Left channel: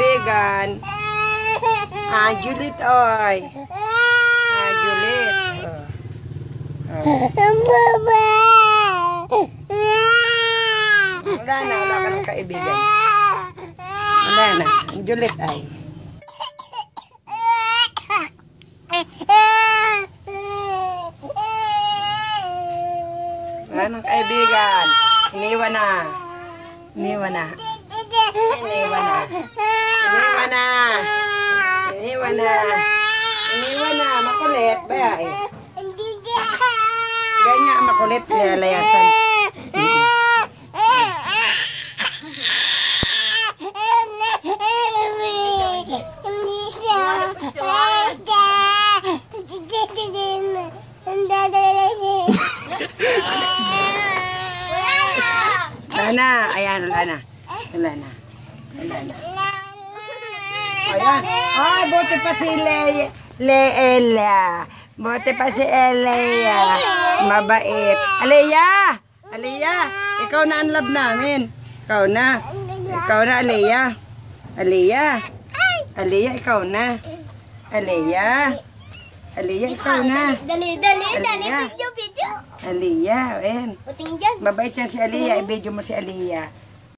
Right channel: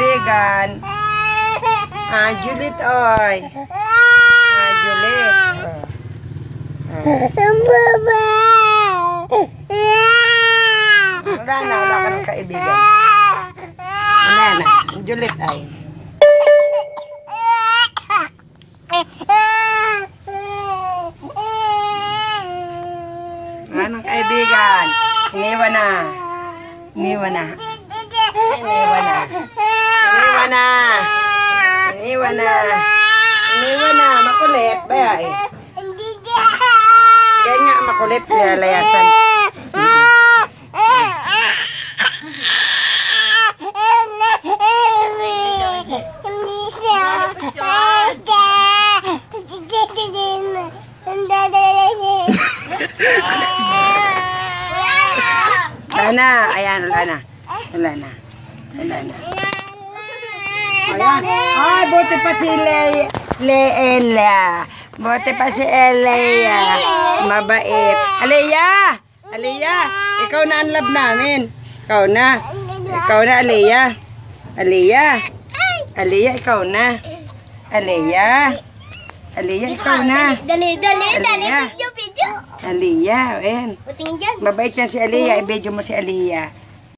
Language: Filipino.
kaibigan. Juliet, oy. Juliet. Wala ka ng kaibigan. Wala na. Juliet, ay. Wala ng kaibigan. Iniwan na. Iniwan na. Iniwan na. Iniwan na. Iniwan na. Iniwan na. Makulit. Baya eh. Ganyan makulit. Lalayasan. Wala na. Ayan, wala na. Wala na. Wala na. Ayan. Ay, buti pa si Leila. Buti pa si Leila. Mabait. Aliyah! Aliyah! Ikaw na ang love namin. Ikaw na. Ikaw na, Aliyah. Aliyah. Aliyah, ikaw na. Aliyah. Aliyah, ikaw na. Dali, video. Aliyah, ayan. Mabait yan si Aliyah. I-video mo si Aliyah.